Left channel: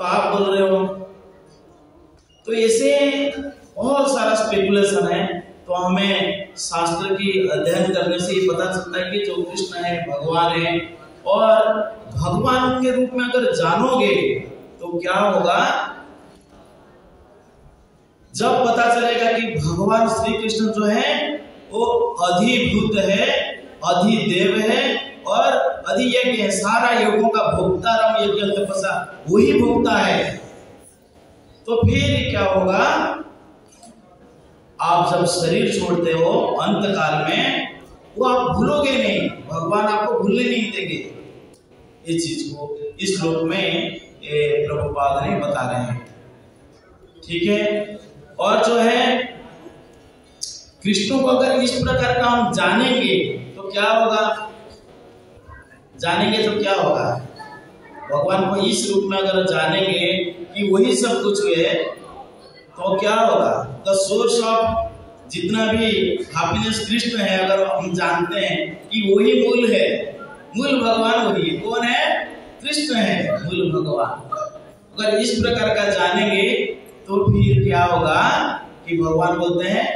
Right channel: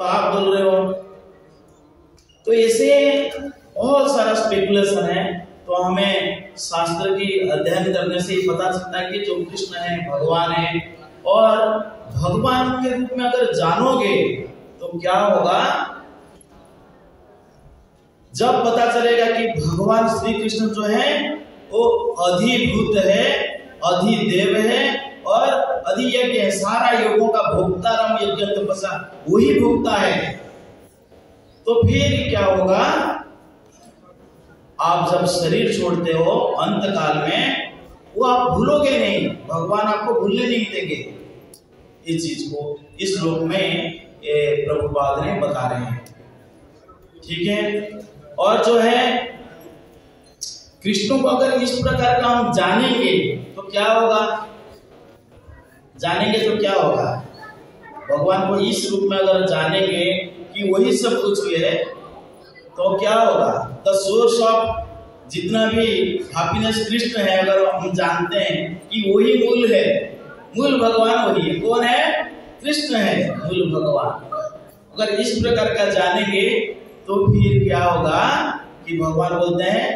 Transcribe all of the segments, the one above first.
तो आप बोल रहे हो। तो ऐसे बहुत सारा स्पेकुलेशन है। तो हमें शास्त्र की अध्ययन करने से ही पता चलता है कि जो कृष्ण है भगवान है, और भगवान के रूप में अगर जानोगे तो क्या होगा, जब पता चलेगा कि भगवान श्री कृष्ण जो है वो अधिभूत है, अधिदेव है और अधियज्ञ है, सारा योगों का भोक्ता, राम यज्ञ तपस्या वही भोक्ता है। तो फिर क्या होगा, आप जब शरीर छोड़ते हो अंत काल में, वो आप भूलोगे नहीं, भगवान आपको भूलने नहीं देंगे। इस चीज को इस श्लोक में प्रभुपाद ने बता रहे हैं। ठीक है। और जो है कृष्ण को अगर इस प्रकार का हम जानेंगे तो क्या होगा, जानेंगे तो क्या होगा, भगवान को इस रूप में अगर जानेंगे कि वही सब कुछ है तो क्या होगा, द सोर्स ऑफ जितना भी हैप्पीनेस कृष्ण है, अगर हम जानते हैं कि वही मूल है, मूल भगवान वही है। कौन है? कृष्ण है, मूल भगवान। अगर इस प्रकार का जानेंगे तो फिर क्या होगा कि भगवान बोलते हैं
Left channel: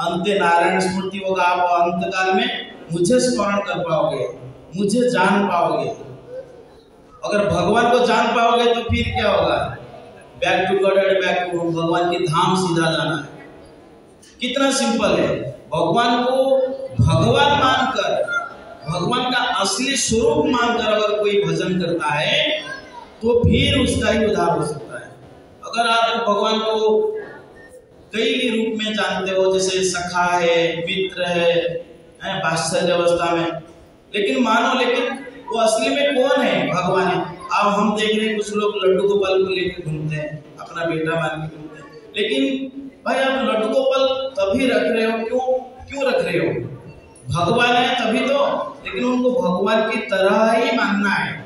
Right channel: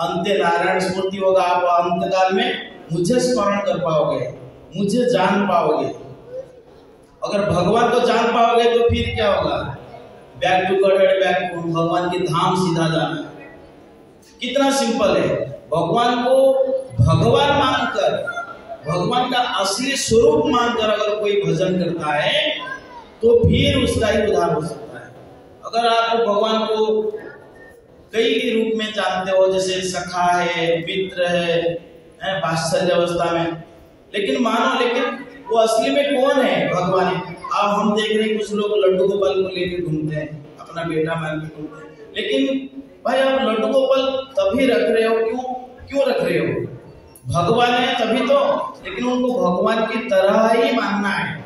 अंत्य नारायण स्मृति होगा, आप अंत काल में मुझे स्मरण कर पाओगे, मुझे जान पाओगे। अगर भगवान को जान पाओगे तो फिर क्या होगा, back to God and back to भगवान के धाम सीधा जाना। कितना सिंपल है। भगवान को भगवान मानकर, भगवान का असली स्वरूप मानकर अगर कोई भजन करता है तो फिर उसका ही उद्धार हो सकता है। अगर आप भगवान को कई रूप में जानते हो, जैसे सखा है, मित्र है वात्सल्य अवस्था में, लेकिन मानो, लेकिन वो असली में कौन है? भगवान है। अब हम देख रहे हैं कुछ लोग लड्डू गोपाल को लेकर घूमते हैं, अपना बेटा मान के घूमते हैं, लेकिन भाई आप लड्डू गोपाल तभी रख रहे हो, क्यों रख रहे हो? भगवान है तभी तो, लेकिन उनको भगवान की तरह ही मानना है।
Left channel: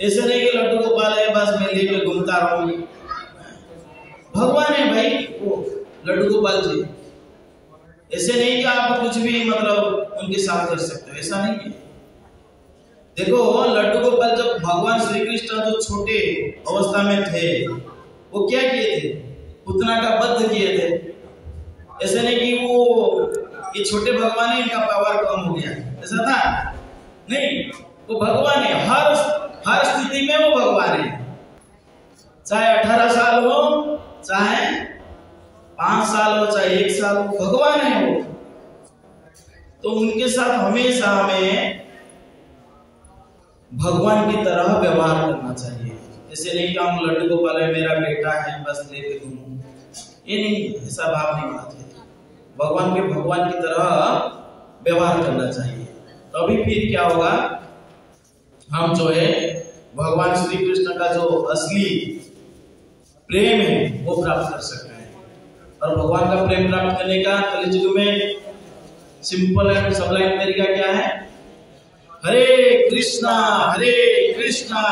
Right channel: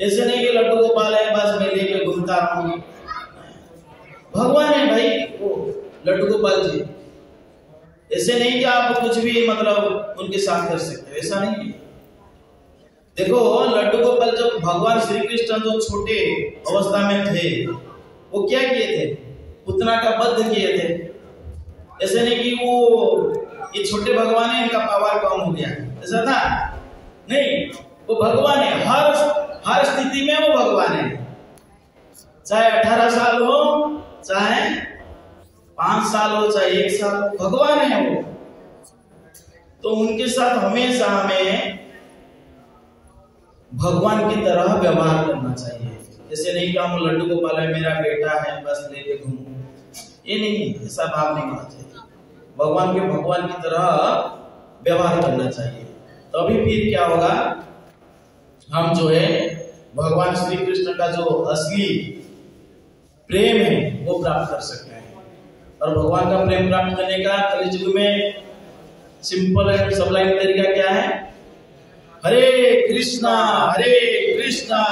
ऐसे नहीं कि लड्डू गोपाल है बस मैं लेके घूमता रहूंगी, भगवान है भाई वो लड्डू गोपाल जी। ऐसे नहीं कि आप कुछ भी मतलब उनके साथ कर सकते हो, ऐसा नहीं है। देखो लड्डू गोपाल जब भगवान श्री कृष्ण जो छोटे अवस्था में थे वो क्या किए थे? पुतना का वध किए थे। ऐसे नहीं कि वो ये छोटे भगवान है इनका पावर कम हो गया, ऐसा था नहीं। वो भगवान है, हर स्थिति में वो भगवान है, चाहे 18 साल हो, चाहे 5 साल हो, चाहे 1 साल हो, भगवान है वो। तो उनके साथ हमेशा हमें भगवान की तरह व्यवहार करना चाहिए। ऐसे नहीं कि हम लड्डू गोपाल है मेरा बेटा है बस लेके घूमो, ये नहीं, ऐसा भाव नहीं होना चाहिए। भगवान के भगवान की तरह व्यवहार करना चाहिए, तभी फिर क्या होगा, हम जो है भगवान श्री कृष्ण का जो असली प्रेम है वो प्राप्त कर सकते हैं। और भगवान का प्रेम प्राप्त करने का कलियुग में सिंपल एंड सबलाइन तरीका क्या है? हरे कृष्णा कृष्णा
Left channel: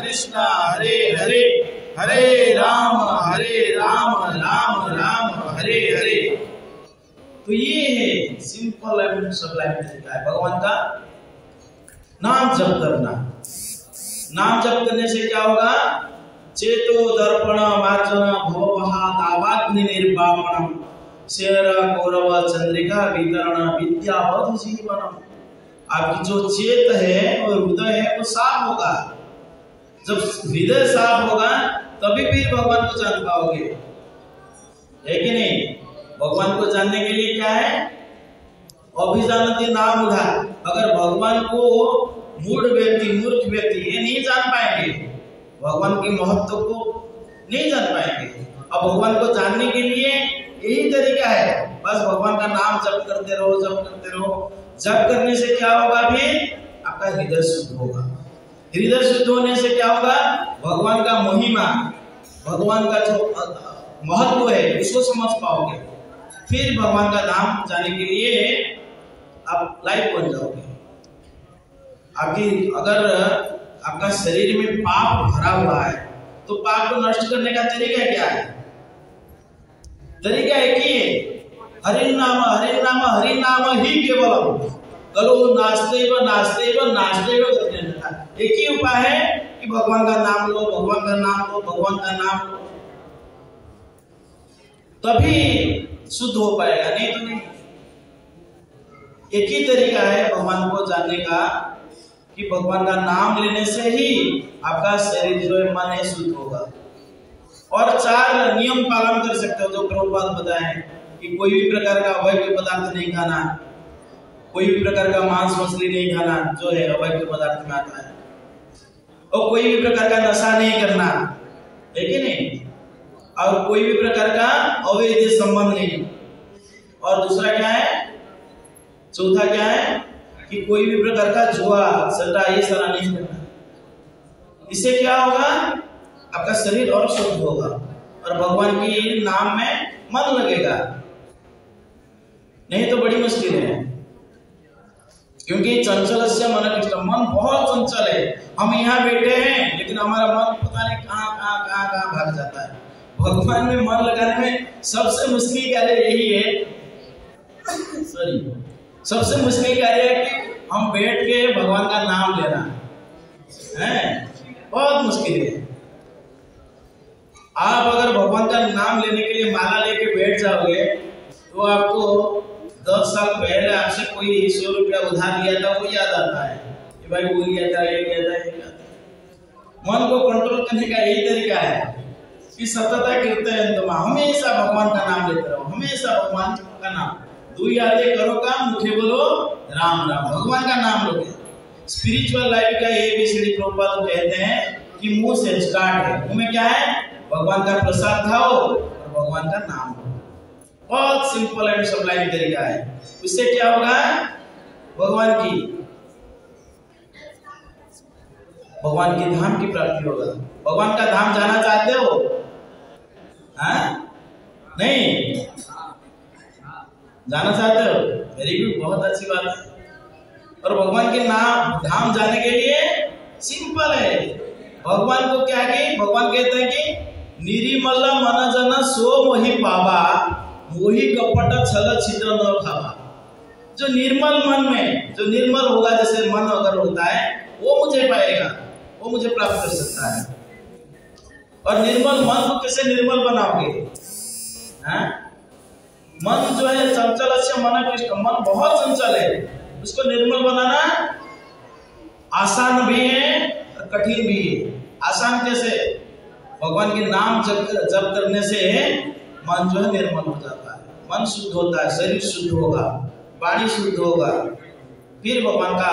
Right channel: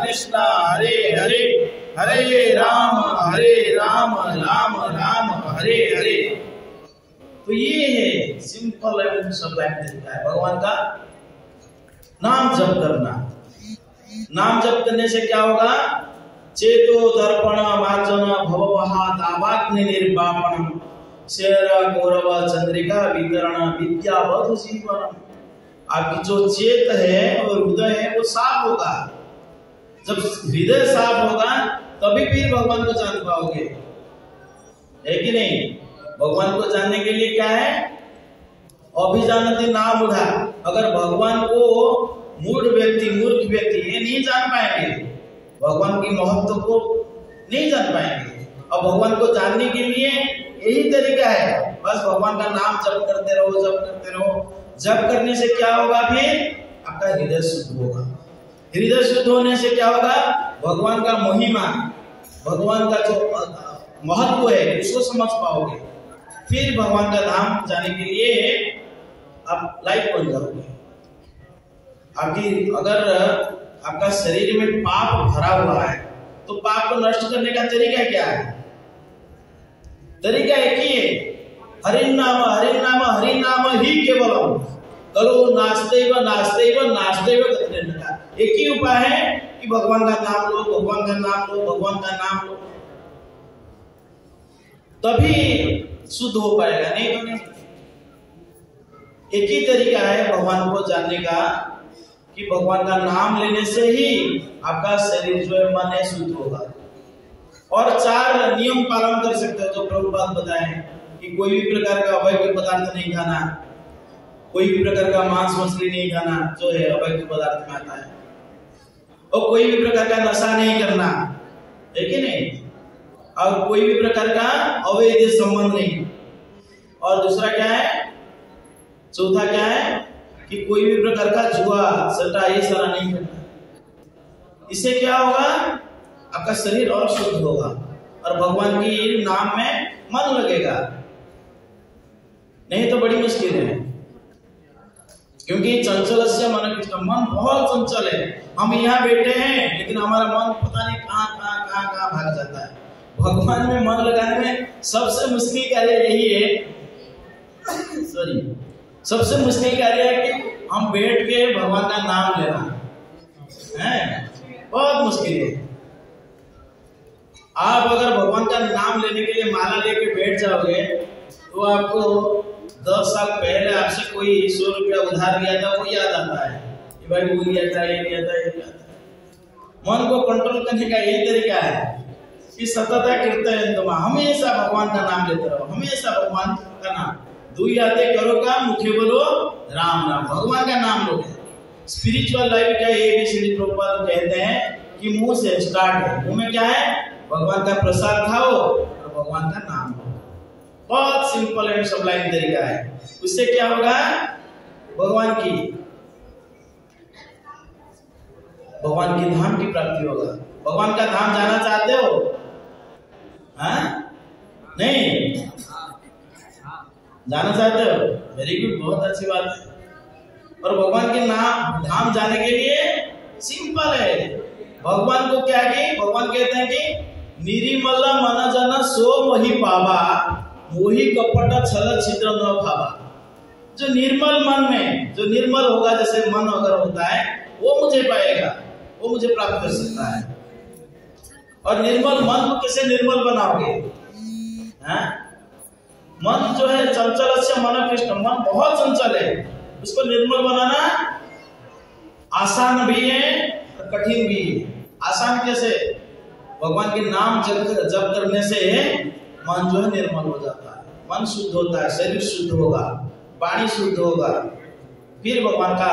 कृष्णा हरे हरे, हरे राम राम राम हरे हरे। तो ये है सिंपल एंड सबलाइन तरीका है भगवान का नाम जप करना। नाम जप करने से क्या होगा? चेतो दर्पण मार्जन भवपहा दावाग्नि निर्वापणम शेर कौरव चंद्रिका वितरण विद्यावधु जीवनम। आपकी जो चेत है और हृदय है वो साफ होगा। जब हृदय साफ होगा तभी फिर भगवान को जान पाओगे, है कि नहीं? भगवान को जानने के लिए क्या है? अभिजानती नाम उठा। अगर भगवान को मूढ़ व्यक्ति, मूर्ख व्यक्ति ये नहीं जान पाएंगे, भगवान के महत्व को नहीं जान पाएंगे। अब भगवान को जानने के लिए यही तरीका है, बस भगवान का नाम जप करते रहो, जप करते रहो। जप करने से क्या होगा? फिर आपका हृदय शुद्ध होगा। हृदय शुद्ध होने से क्या होगा? भगवान का महिमा, भगवान का जो महत्व है उसको समझ पाओगे। फिर भगवान का धाम जाने के लिए आप लायक बन जाओगे। अभी अगर आपका शरीर में पाप भरा हुआ है तो पाप को नष्ट करने का तरीका क्या है? तरीका एक ही है, हरि नाम ही केवलम कलो नास्तेव नास्तेव नास्तेव। एक ही उपाय है कि कि भगवान का नाम लो, भगवान का नाम लो, भगवान का नाम लो, तभी शुद्ध हो पाएगा, नहीं तो नहीं। एक ही तरीका है भगवान को जानने का कि भगवान का नाम लेने से ही आपका शरीर जो है, मन है, शुद्ध होगा। और 4 नियम पालन कर सकते हो जो प्रभुपाद बताए हैं कि कोई भी प्रकार का अवैध पदार्थ नहीं खाना, कोई भी प्रकार का मांस मछली नहीं खाना जो है अवैध पदार्थ में आता है, और कोई भी प्रकार का नशा नहीं करना, है कि नहीं, और कोई भी प्रकार का अवैध संबंध नहीं। और दूसरा क्या है, चौथा क्या है कि कोई भी प्रकार का जुआ सट्टा ये सारा नहीं करना। इससे क्या होगा, आपका शरीर और शुद्ध होगा और भगवान की नाम में मन लगेगा। नहीं तो बड़ी मुश्किल है, क्योंकि चंचलस्य मन कृष्ण, मन बहुत चंचल है। हम यहाँ बैठे हैं लेकिन हमारा मन पता नहीं कहाँ भाग जाता है। भगवान में मन लगाने में सबसे मुश्किल कार्य यही है सबसे मुश्किल कार्य है कि हम बैठ के भगवान का नाम लेना है, बहुत मुश्किल है। आप अगर भगवान का नाम लेने के लिए माला लेके बैठ जाओगे तो आपको 10 साल पहले आपसे कोई 100 रुपया उधार लिया था वो याद आता है कि भाई वो लिया था, ये लिया था, ये लिया था। मन को कंट्रोल करने का यही तरीका है कि सतत कीर्तन, हमेशा भगवान का नाम लेते रहो, हमेशा भगवान का नाम। 2 यादें करो काम, मुखे बोलो राम राम, भगवान का नाम लोगे। स्पिरिचुअल लाइफ का ABCD प्रभुपाद कहते हैं कि मुंह से स्टार्ट है, मुंह में क्या है, भगवान का प्रसाद खाओ और भगवान का नाम लो। बहुत सिंपल एंड सबलाइन तरीका है। उससे क्या होगा, भगवान की धाम की प्राप्ति होगा। भगवान का धाम जाना चाहते हो? नहीं जाना चाहते हो? वेरी गुड, बहुत अच्छी बात है। और भगवान के नाम धाम जाने के लिए सिंपल है। भगवान को क्या कि भगवान कहते हैं कि निरिमल मन जन सो मोहि पावा, मोहि कपट छल छिद्र न खावा। जो निर्मल मन में, जो निर्मल होगा, जैसे मन अगर होता है वो मुझे पाएगा, वो मुझे प्राप्त कर सकता है। और निर्मल मन को कैसे निर्मल बनाओगे? मन जो है चंचल से मन कृष्ण, मन बहुत चंचल है, उसको निर्मल बनाना आसान भी है और कठिन भी है। आसान कैसे? भगवान के नाम जप करने से मन जो है निर्मल हो जाता है, मन शुद्ध होता है, शरीर शुद्ध होगा, वाणी शुद्ध होगा, फिर भगवान का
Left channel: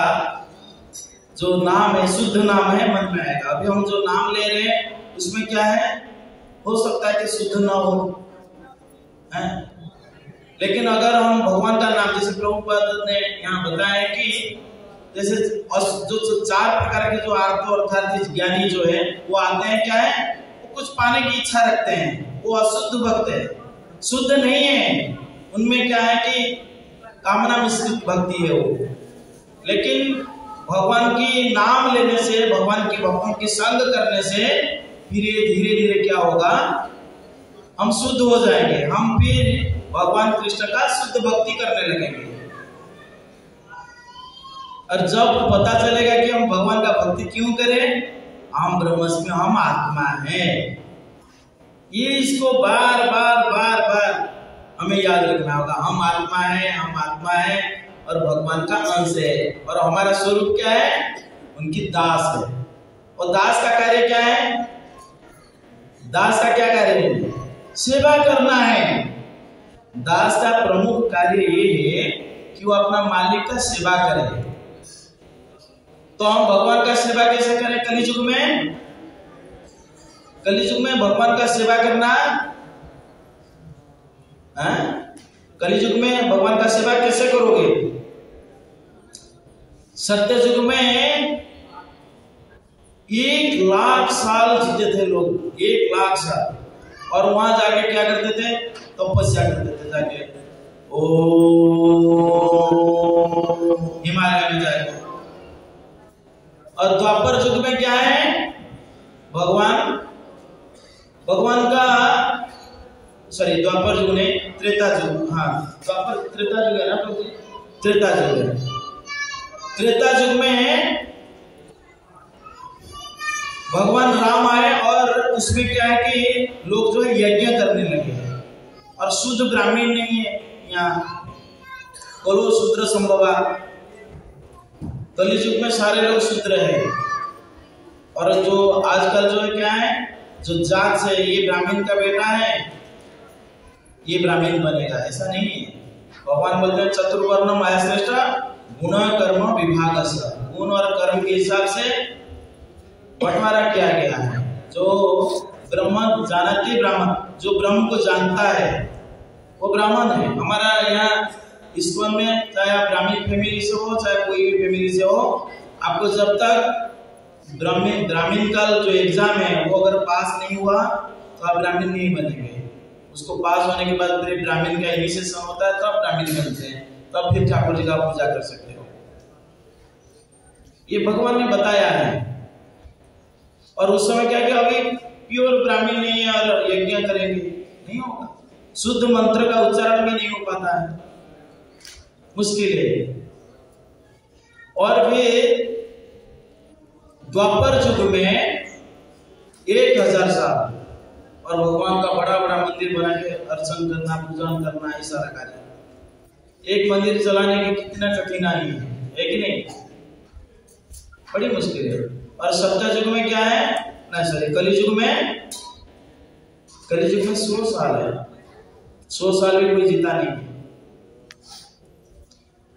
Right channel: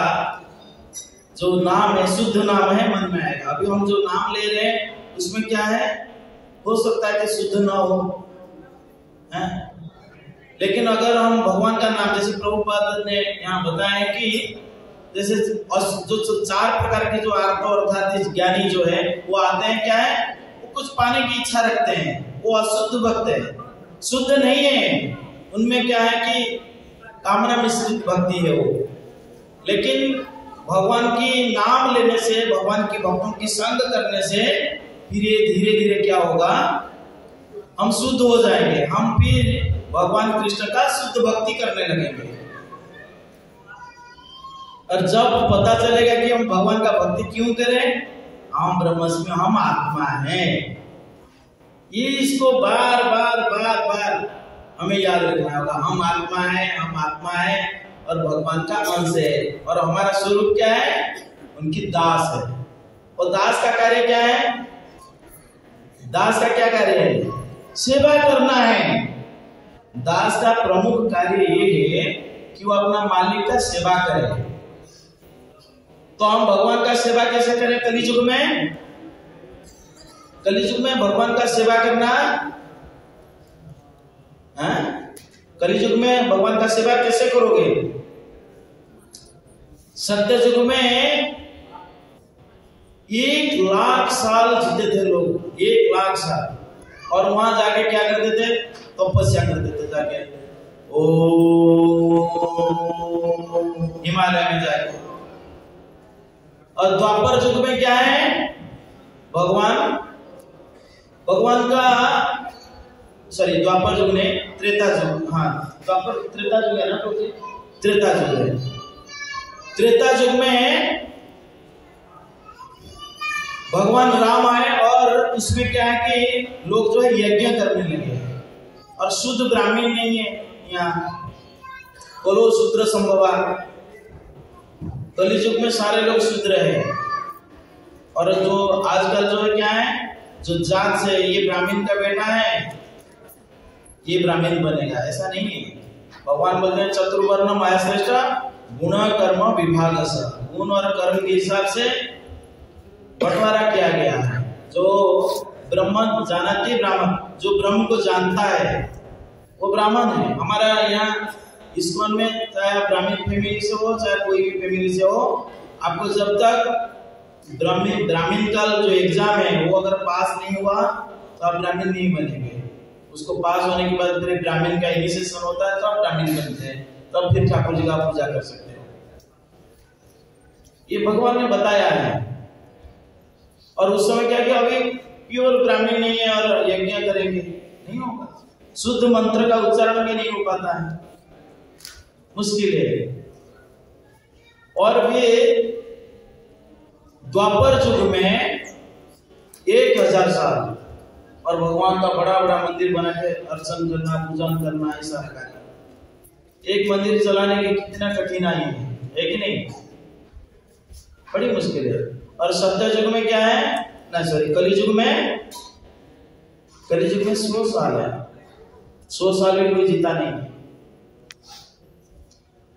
जो नाम है, शुद्ध नाम है, मन में आएगा। अभी हम जो नाम ले रहे हैं उसमें क्या है, हो सकता है कि शुद्ध ना हो, लेकिन अगर हम भगवान का नाम, जैसे प्रभुपाद ने यहाँ बताया कि जैसे जो 4 प्रकार के जो अर्थात ज्ञानी जो है वो आते हैं, क्या है, वो कुछ पाने की इच्छा रखते हैं, वो अशुद्ध भक्त है, शुद्ध नहीं है। उनमें क्या है कि कामना मिश्रित भक्ति है वो। लेकिन भगवान की नाम लेने से, भगवान के भक्तों की संग करने से धीरे धीरे क्या होगा, हम शुद्ध हो जाएंगे। हम फिर भगवान कृष्ण का शुद्ध भक्ति करने लगेंगे। और जब पता चलेगा कि हम भगवान का भक्ति क्यों करें, हम ब्रह्मस्मि, हम आत्मा है, ये इसको बार बार हमें याद रखना होगा। हम आत्मा है, हम आत्मा है और भगवान का अंश है, और हमारा स्वरूप क्या है, उनकी दास है। और दास का कार्य क्या है? दास का क्या कार्य है? सेवा करना है। दास का प्रमुख कार्य ये है कि वो अपना मालिक का सेवा करे। तो हम भगवान का सेवा कैसे करें कलियुग में? कलियुग में भगवान का सेवा करना, कलियुग में भगवान का सेवा कैसे करोगे? सत्य युग में 1,00,000 साल जीते थे लोग, 1,00,000 साल, और वहां जाके क्या करते थे? तपस्या करते थे जाके, ओ हिमालय में जाके। और द्वापर युग में क्या है? भगवान का द्वापर युग ने त्रेता युग, द्वापर त्रेता युग है ना, त्रेता युग है। त्रेता युग में भगवान राम आए और उसमें क्या है कि लोग जो है यज्ञ करने लगे और शुद्ध ब्राह्मण नहीं है यहाँ, कलो शूद्र संभवा। कलियुग में सारे लोग शूद्र है और जो आजकल जो है क्या है, जो जात से ये ब्राह्मण का बेटा है ये ब्राह्मण बनेगा, ऐसा नहीं है। भगवान बोलते हैं चतुर्वर्ण मायाश्रेष्ठ गुण कर्म विभाग, गुण और कर्म के हिसाब से बंटवारा किया गया है। जो ब्रह्म जानती ब्राह्मण, जो ब्रह्म को जानता है वो ब्राह्मण है। हमारा यहाँ इस्कॉन में चाहे आप ब्राह्मण फैमिली से हो चाहे कोई भी फैमिली से हो, आपको जब तक ब्राह्मण का जो एग्जाम है वो अगर पास नहीं हुआ तो आप ब्राह्मण नहीं बनेंगे। उसको पास होने के बाद फिर ब्राह्मण का इनिशिएशन होता है, तब ब्राह्मण बनते हैं, तब फिर ठाकुर जी का पूजा कर सकते हो। ये भगवान ने बताया है। और उस समय क्या कि अभी प्योर ब्राह्मण नहीं है और यज्ञ करेंगे, नहीं होगा। शुद्ध मंत्र का उच्चारण भी नहीं हो पाता है, मुश्किल है। और फिर द्वापर युग में 1000 साल और भगवान का बड़ा बड़ा मंदिर बना के अर्चन करना, पूजन करना, ये सारा कार्य। एक मंदिर चलाने की कितना कठिनाई है कि नहीं, बड़ी मुश्किल है। और सत्य युग में क्या है, नहीं सॉरी कलियुग में 100 साल है, 100 साल भी कोई जीता नहीं।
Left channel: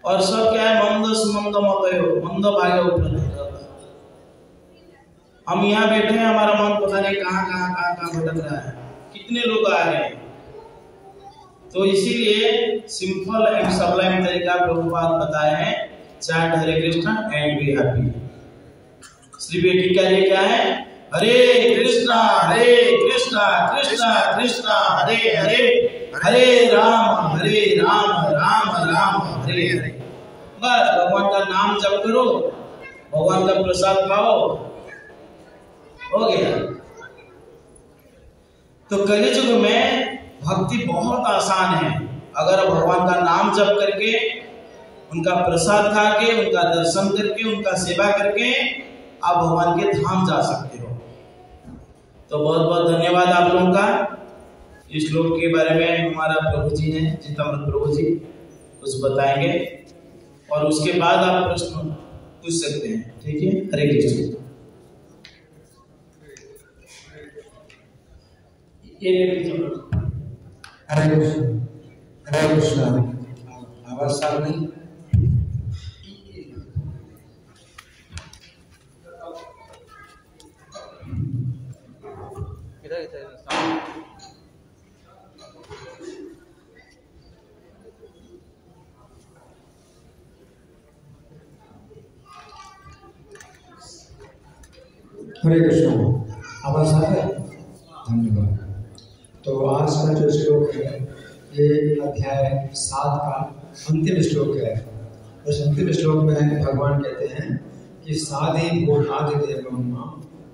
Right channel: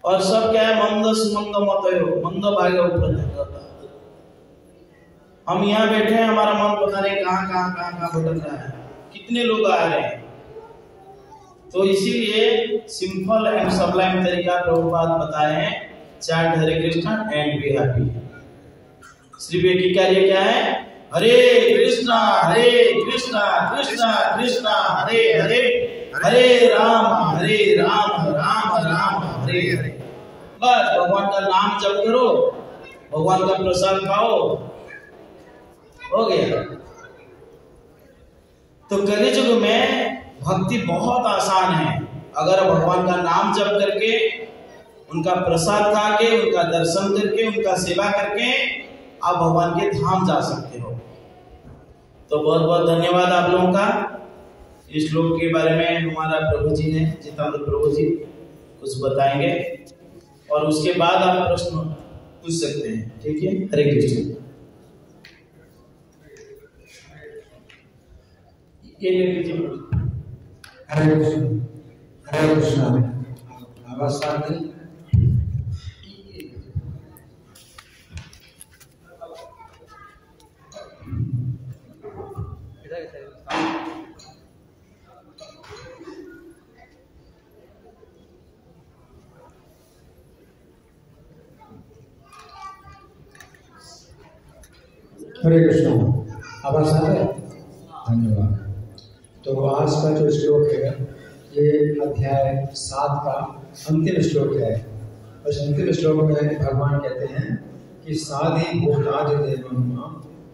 और सब क्या है, मंद मंद भागे। हम यहाँ बैठे हैं, हमारा मन पता नहीं कहाँ भटक रहा है, कितने लोग आ रहे हैं। तो इसीलिए सिंपल एंड सबलाइम तरीका प्रभुपाद बताए हैं, chant Hare Krishna and be happy. Shri की कार्य क्या है, हरे कृष्णा कृष्णा कृष्णा हरे हरे, हरे राम राम राम हरे हरे। बस भगवान का नाम जप करो, भगवान का प्रसाद खाओ, हो गया। तो कलियुग में भक्ति बहुत आसान है। अगर भगवान का नाम जप करके, उनका प्रसाद खा के, उनका दर्शन करके, उनका सेवा करके आप भगवान के धाम जा सकते हो। तो बहुत बहुत धन्यवाद आप लोगों का। इस श्लोक के बारे में हमारा प्रभु जी हैं, चित्तामृत प्रभु जी कुछ बताएंगे और उसके बाद आप प्रश्न पूछ सकते हैं, ठीक है। हरे कृष्ण। हरे कृष्ण हरे कृष्ण। नमस्कार जी। हरे कृष्ण। आवाज आ रहा है? धन्यवाद। तो आज का जो श्लोक है ये अध्याय 7 का अंतिम श्लोक है। उस अंतिम श्लोक में भगवान कहते हैं कि साधि भूतादि देवम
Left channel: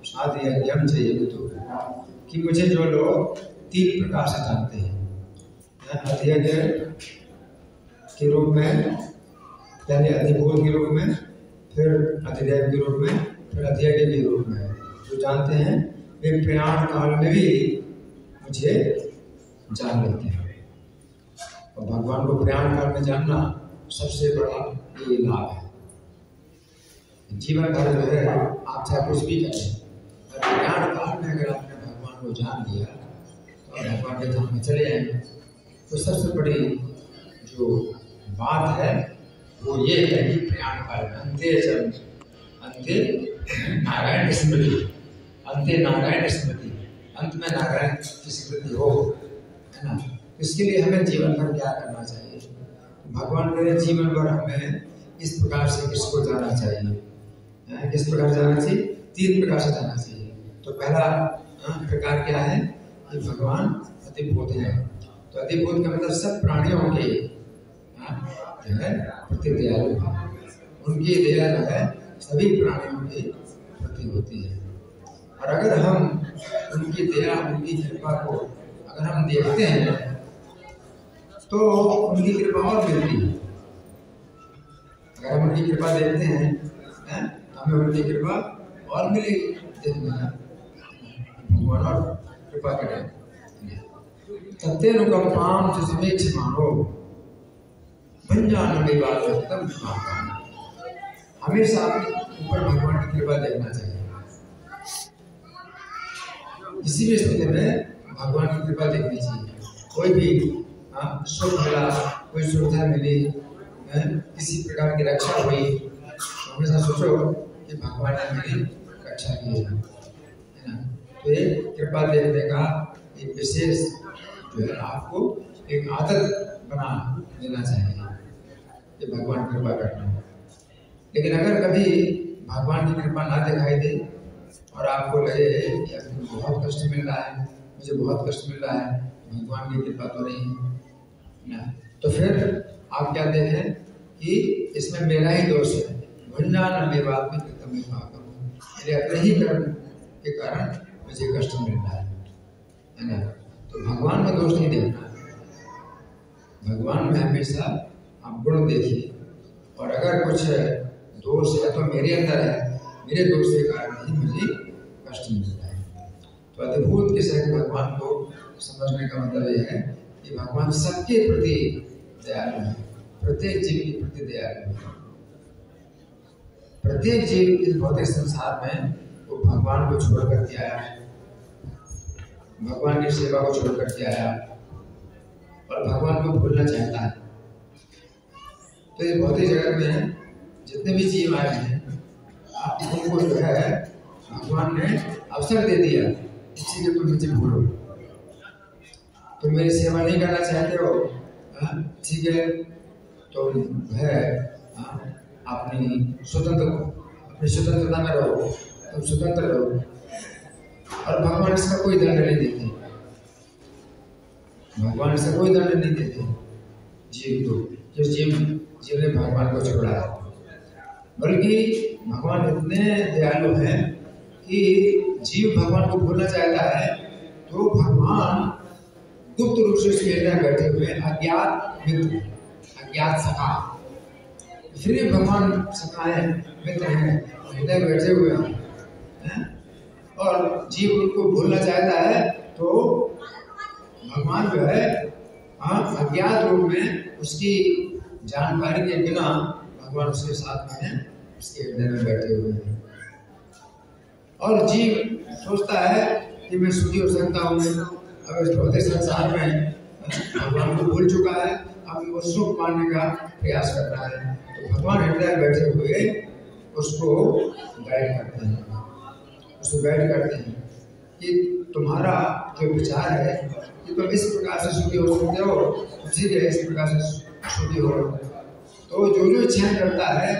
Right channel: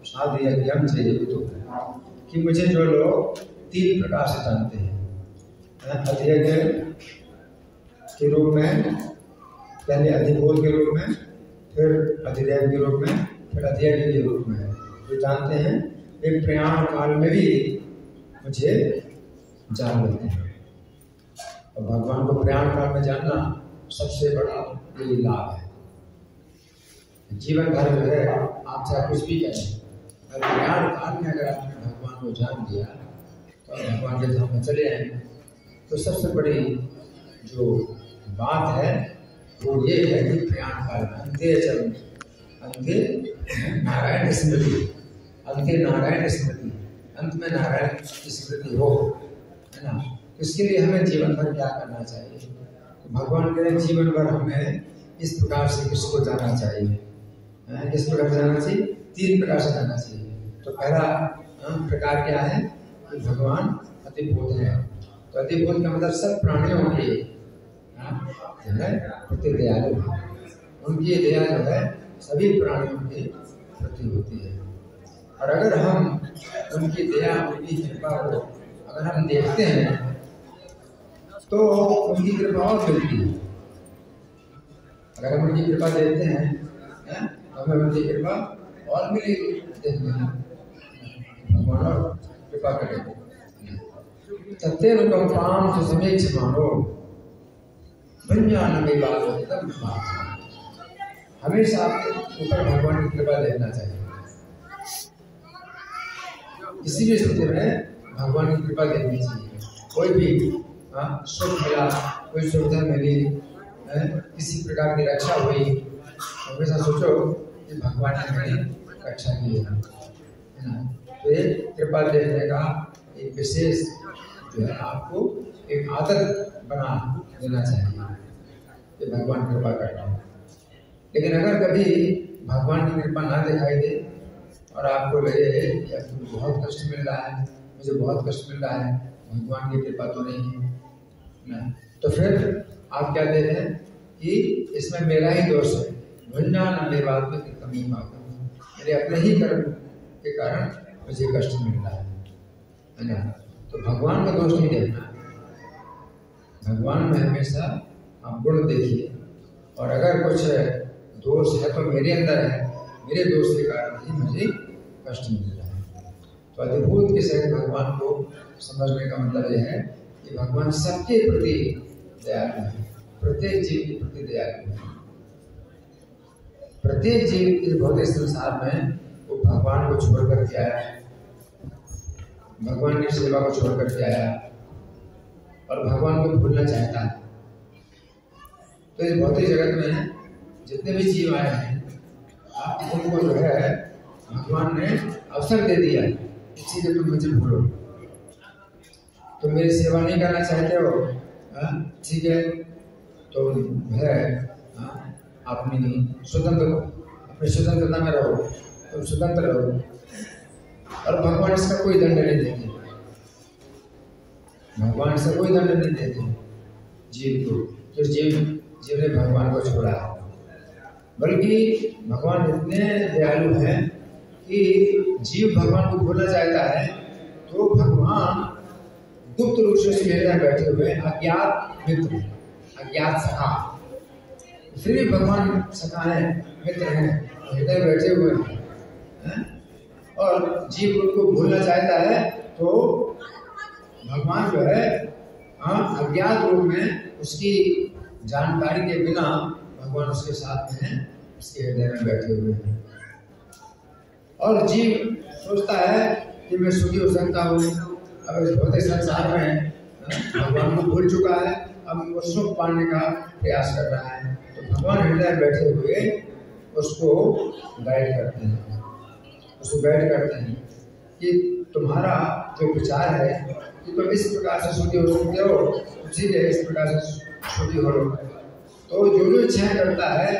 साधि यज्ञम चाहिए तो, कि मुझे जो लोग 3 प्रकार से जानते हैं, अधियज्ञ के रूप में, पहले अधिभूत के रूप में, फिर अधिदेव के रूप में, फिर अधियज्ञ के रूप में, जो जानते हैं वे प्रयाण काल में भी मुझे जान लेते हैं। और भगवान को प्रयाण काल में जानना सबसे बड़ा ये लाभ है। जीवन भर जो है आप चाहे कुछ भी करें, अगर प्रयाण काल में अगर आपने भगवान को जान लिया तो आप भगवान के धाम में चले आएंगे। तो सबसे बड़ी जो बात है वो ये है कि प्रयाण काल में अंत्य नारायण स्मृति, अंत्य नारायण स्मृति, अंत में नारायण की स्मृति हो, है ना। इसके लिए हमें जीवन भर क्या करना चाहिए? भगवान के जीवन भर हमें इस प्रकार से किसको जाना चाहिए, किस प्रकार जाना चाहिए? 3 प्रकार से जाना चाहिए। तो पहला प्रकार क्या है कि भगवान अतिभूत है। तो अतिभूत का मतलब सब प्राणियों के जो है प्रति दयालु है, उनकी दया जो है सभी प्राणियों के प्रति होती है। और अगर हम उनकी दया, उनकी कृपा को अगर हम देखते हैं तो उनकी कृपा और मिलती है। अगर हम उनकी कृपा देखते हैं हमें उनकी कृपा और मिलेगी। देखना भगवान और कृपा करें। तत्तेनुकंपां च समीक्षमाणो भंजानमेवात्मतम भावः। हमेशा अपने ऊपर भगवान की कृपा देखना चाहिए। किसी भी स्थिति में भगवान की कृपा देखनी चाहिए। कोई भी सुख मिला, कोई सुविधा मिली, किसी प्रकार की रक्षा हुई, हमेशा सोचो कि भगवान ने मेरी रक्षा की है ना। तो ये कृपा देखने का एक विशेष जो है आपको एक आदत बना देना चाहिए कि भगवान कृपा करते हैं। लेकिन अगर कभी भगवान की कृपा ना दिखाई दे और आपको लगे कि मुझे बहुत कष्ट मिल रहा है, मुझे बहुत कष्ट मिल रहा है, भगवान की कृपा तो नहीं है ना, तो फिर आप क्या देते हैं कि इसमें मेरा ही दोष है। भुंजान मेवात में कमी मेरे अपने ही कर्म के कारण मुझे कष्ट मिल रहा है ना। तो भगवान का दोष नहीं देखना, भगवान में हमेशा आप गुण देखिए। और अगर कुछ दोष है तो मेरे अंदर है, मेरे दोष के कारण ही मुझे कष्ट मिल रहा है। तो अद्भुत के सहित भगवान को समझने का मतलब यह है कि भगवान सबके प्रति दयालु है, प्रत्येक जीव के प्रति दयालु है। प्रत्येक जीव इस भौतिक संसार में वो भगवान को छोड़ करके आया है, भगवान की सेवा को छोड़ करके आया और भगवान को भूलना चाहता है। तो इस भौतिक जगत में जितने भी जीव आए हैं उनको जो है भगवान ने अवसर दे दिया, इसी के तुम मुझे भूलो, तुम मेरी सेवा नहीं करना चाहते हो, ठीक है, तो है अपनी स्वतंत्रता में रहो, तुम स्वतंत्र रहो। और भगवान इसका कोई दंड नहीं देते, भगवान इसका कोई दंड नहीं देते जीव को, जो जीव ने भगवान को छोड़ा है। बल्कि भगवान इतने दयालु हैं कि जीव भगवान को भूलना चाहता है तो भगवान गुप्त रूप से उसके हृदय में बैठे हुए अज्ञात मित्र, अज्ञात सखा, फिर भी भगवान सखा हैं, मित्र हैं, हृदय बैठे हुए हैं। और जीव उनको भूलना चाहता है तो भगवान जो है अज्ञात रूप में उसकी जानकारी के बिना भगवान उसके साथ में हैं, उसके हृदय में बैठे हुए हैं। और जीव सोचता है कि मैं सुखी हो सकता हूँ, अब इस भौतिक संसार में भगवान को भूल चुका है, अब वो सुख पाने का प्रयास कर रहा है। तो भगवान हृदय में बैठे हुए उसको गाइड करते हैं, उसको गाइड करते हैं कि तुम्हारा जो विचार है कि तुम इस प्रकार से सुखी हो सकते हो, ठीक है, इस प्रकार से सुखी हो लो। तो जो इच्छाएं करता है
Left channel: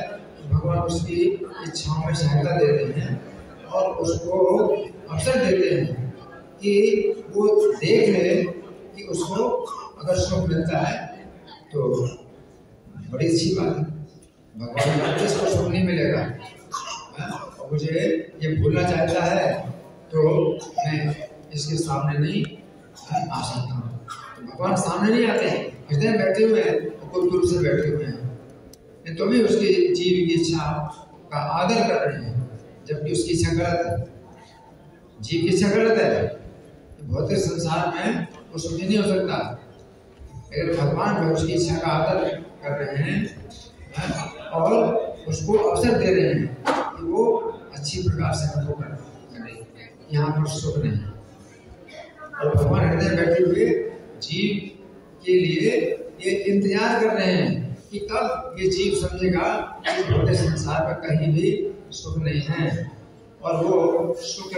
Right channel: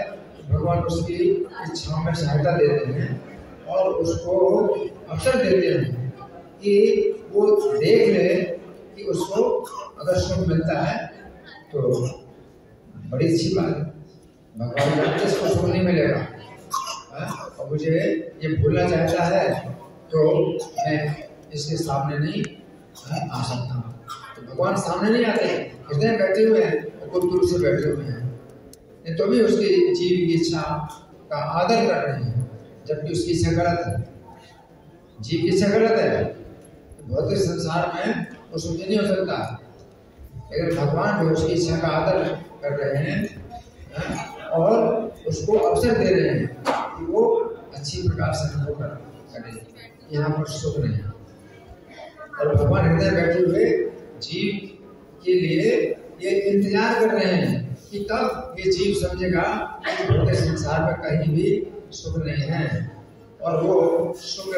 भगवान उसकी इच्छाओं में सहायता देते हैं और उसको अवसर देते हैं कि वो देख ले कि उसको अगर सुख मिलता है तो बड़ी अच्छी बात है, भगवान को इसको सुख नहीं मिलेगा और मुझे ये भूलना चाहता है तो मैं इसके सामने नहीं आ सकता हूँ। तो भगवान सामने नहीं आते, हृदय बैठे हुए हैं और गुप्त रूप से बैठे हुए हैं, तो भी उसकी जीव की इच्छा का आदर कर रहे हैं, जबकि उसकी इच्छा गलत है, जीव की इच्छा गलत है। भौतिक संसार में वो सुखी नहीं हो सकता, लेकिन भगवान जो उसकी इच्छा का आदर कर रहे हैं और उसको अवसर दे रहे हैं कि वो अच्छी प्रकार से हमको करे, यहाँ पर सुख नहीं है। और भगवान हृदय बैठे हुए जीव के लिए ये इंतजार कर रहे हैं कि कब ये जीव समझेगा कि भौतिक संसार में कहीं भी सुख नहीं है और वो सुख,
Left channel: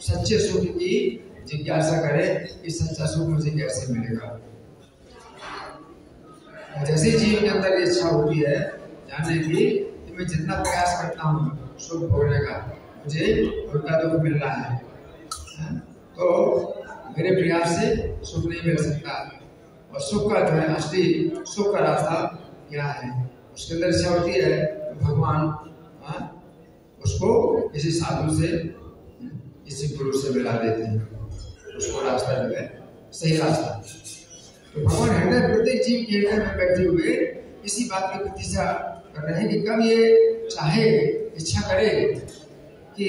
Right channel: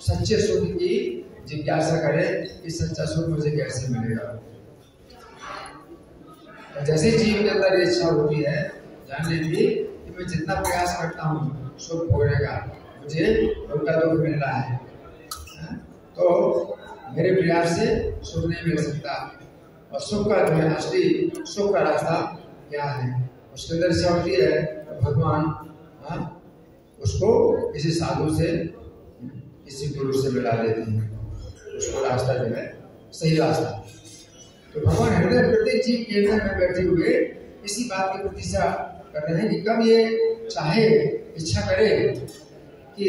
सच्चे सुख की जिज्ञासा करे कि सच्चा सुख मुझे कैसे मिलेगा। जैसे जीव के अंदर इच्छा होती है जानने की कि मैं जितना प्रयास करता हूँ सुख भोगने का, मुझे उनका दुख मिल रहा है, तो मेरे प्रयास से सुख नहीं मिल सकता। और सुख का जो है असली सुख का रास्ता क्या है, उसके अंदर इच्छा होती है भगवान उसको किसी साधु से, किसी गुरु से मिला देते हैं, उसको रास्ता जो है सही रास्ता। तो भगवान हृदय प्रत्येक जीव के हृदय में बैठे हुए इसी बात की प्रतीक्षा कर रहे हैं कि कब ये चाहे, इच्छा करे कि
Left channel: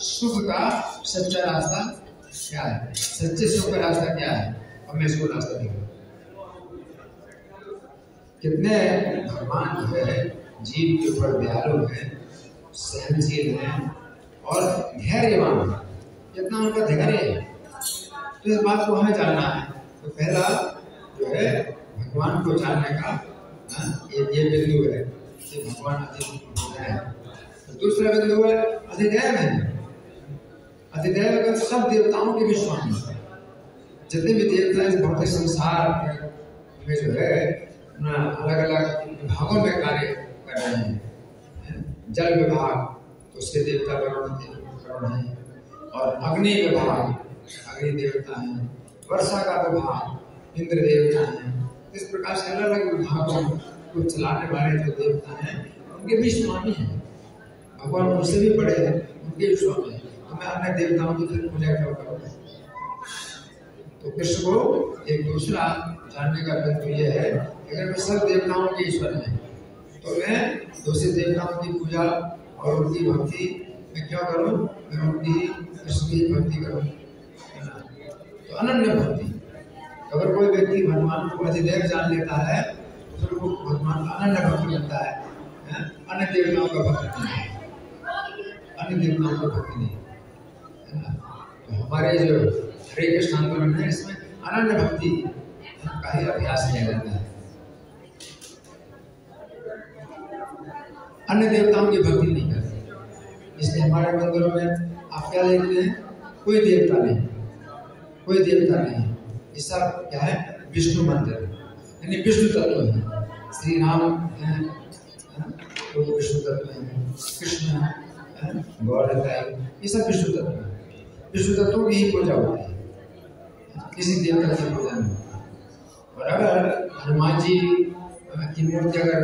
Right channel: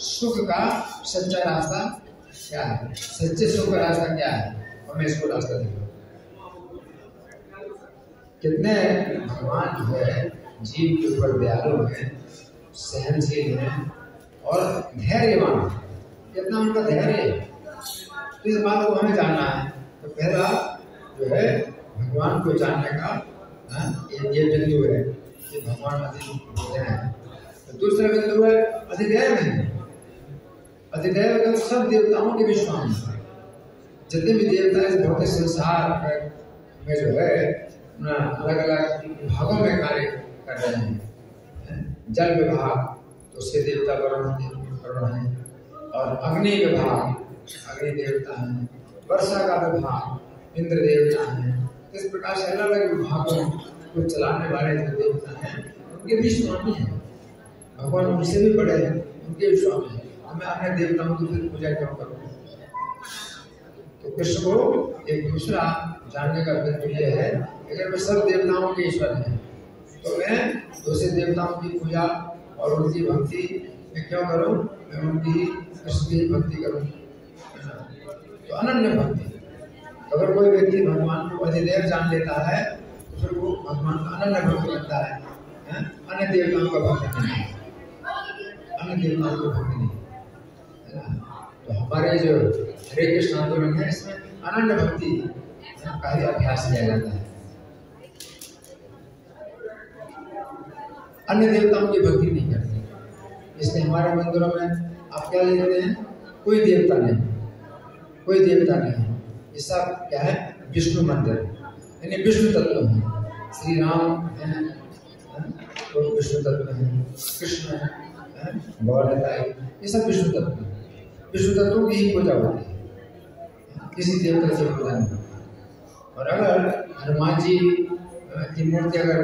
सुख का सच्चा रास्ता क्या है, सच्चे सुख का रास्ता क्या है, और मैं इसको रास्ता दिखाऊं। कितने भगवान जो है जीव के ऊपर दयालु है, सहनशील है और धैर्यवान है। कितना उनका धैर्य है, तो इस बात को हमें जानना है। तो पहला जो है भगवान को जानने का ये बिंदु है कि भगवान अति है। तो दूसरा बिंदु है अधिदैव है। अधिदैव का सब देवताओं के विश्वास है। जितने भी देवता इस भौतिक संसार में जो है अलग अलग विभागों में कार्य कर रहे हैं। जल विभाग तो उसके देवता वरुण है, और अग्नि विभाग अग्नि देवता है, वर्षा का विभाग इंद्र देवता है। इस प्रकार से अलग अलग विभागों को चलाने वाले जो देवता हैं उनके भी स्वामी हैं। भगवान उनसे भी बड़े हैं, उनके भी स्वामी हैं। तो मैं अन्य देवताओं की फिर पूजा क्यों करूँ? तो कृष्ण को एक दूसरा जानने का बिंदु ये है, अगर मैं सब देवताओं के ईश्वर हैं तो मैं दूसरे देवताओं की पूजा और उनकी भक्ति मैं क्यों करूं? मैं उनकी कृष्ण की भक्ति करूं, है ना? तो अनन्य भक्ति। अगर कोई व्यक्ति भगवान को अधिदैव जान लेता है तो फिर वो भगवान का अनन्य भक्त बनता है। अन्य देवताओं का भक्त नहीं, अन्य देवताओं का भक्त नहीं, है ना? तो हमारे जो हरे कृष्ण आंदोलन है इसमें अनन्य भक्ति का ही अभ्यास किया जाता है। अन्य देवताओं की भक्ति नहीं करते। इसलिए हमारे मंदिरों में आप क्या देखते हैं? कोई देवता नहीं, कोई देवता नहीं। इसका क्या है? विष्णु मंदिर, यानी विष्णु तत्व है। श्री राम हैं तो विष्णु तत्व हैं, कृष्ण है, गौरता है, ये सब विष्णु तत्व है। विष्णु तत्वों की ही पूजा होती है, किसी देवता की पूजा नहीं। और अगर हनुमान जी की मूर्ति अगर